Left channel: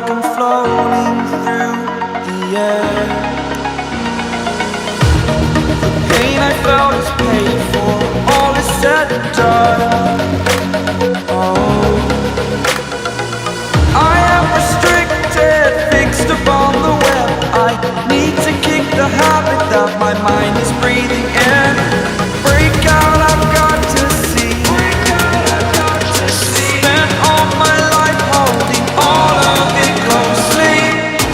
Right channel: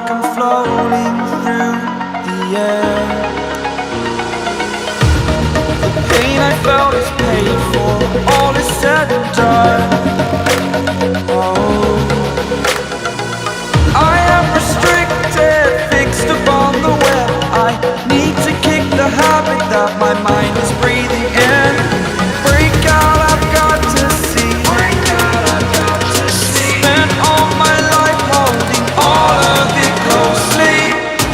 like I'm floating through the air. The pain I felt is paid for, all is said and done. Oh, I am restricted, fixed upon the web. I need to kick the habit that my mind is breathing in. Break out, I've got to see. Spent all my life holding all of it closely.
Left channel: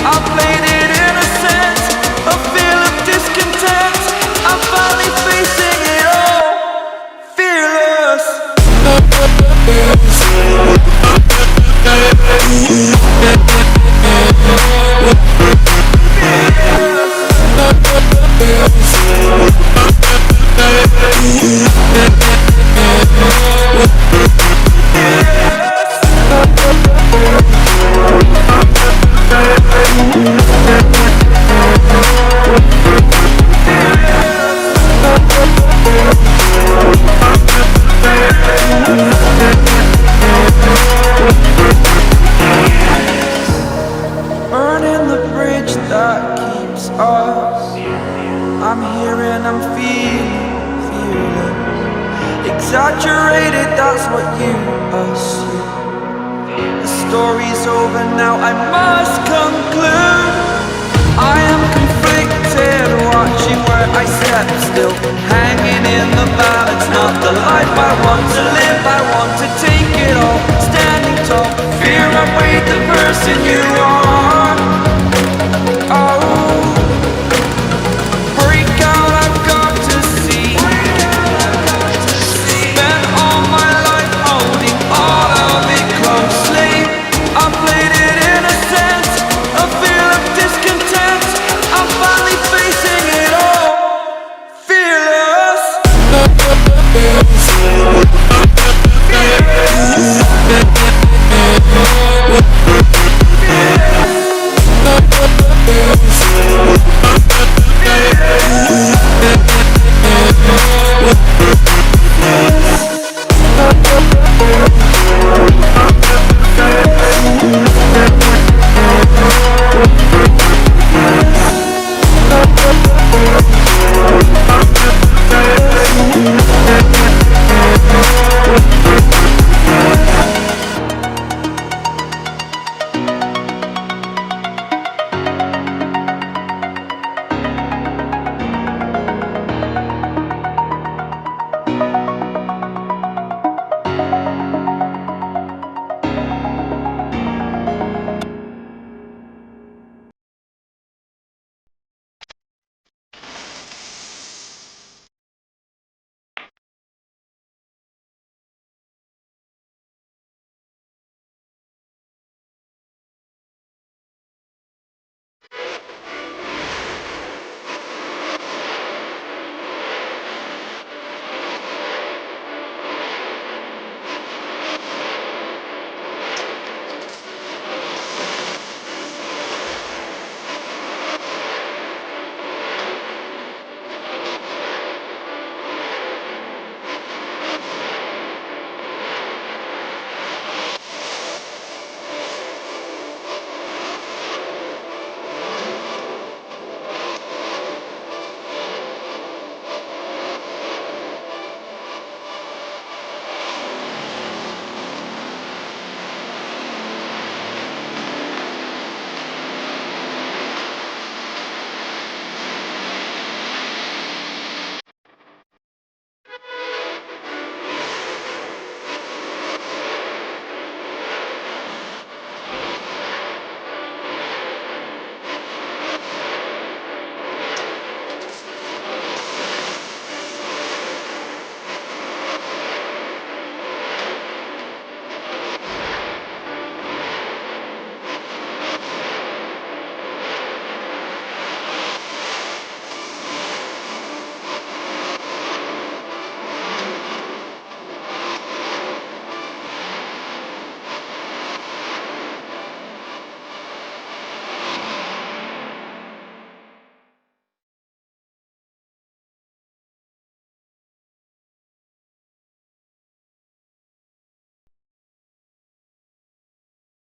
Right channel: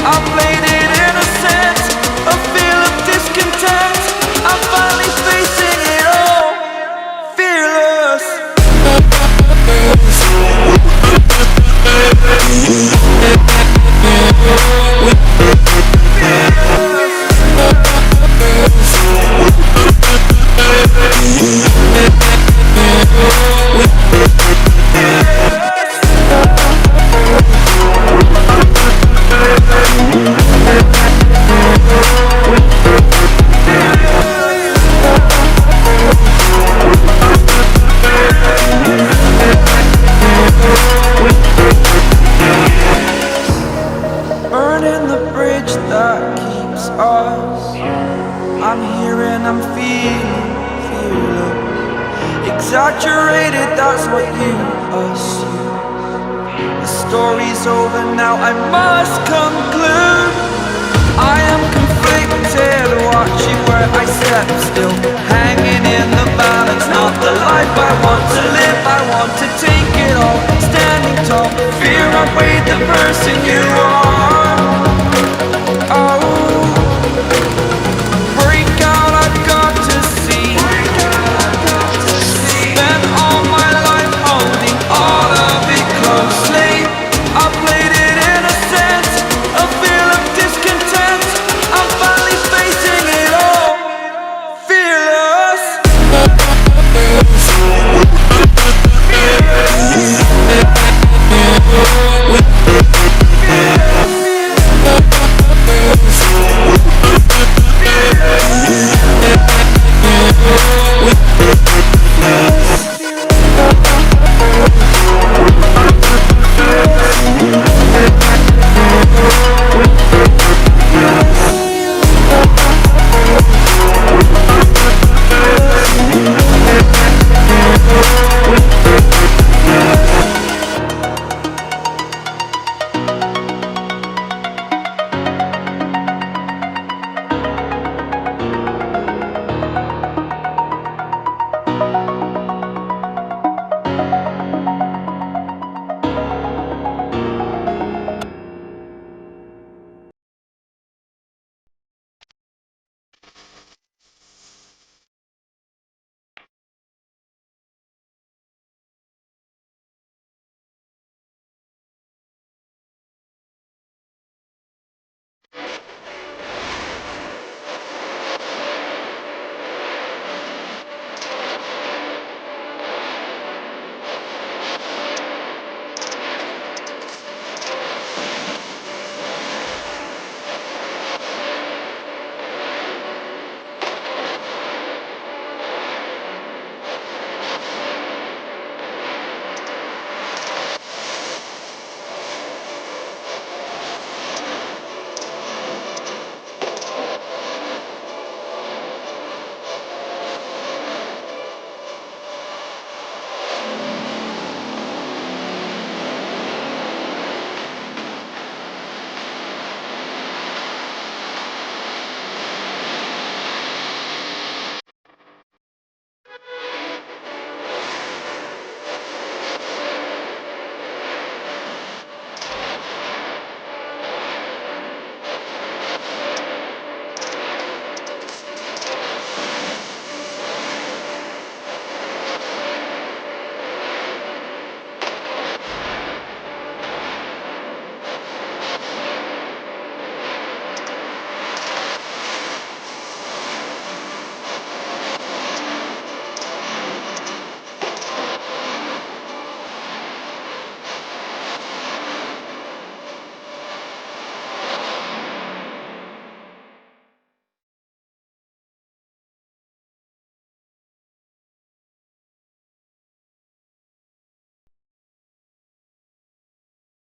I played it innocent, a feel of discontent. I'm finally facing it all, fearless. Burning the bridge that keeps us. I'm here and I'm feeling fearless. Exaggerated, that's what you assume. The story's over now, I must conclude. I am conflicted, watching where I step still, hanging in the balance. Not the life I want to live, I want to take it all. Standing tall, fear I've weighed the person you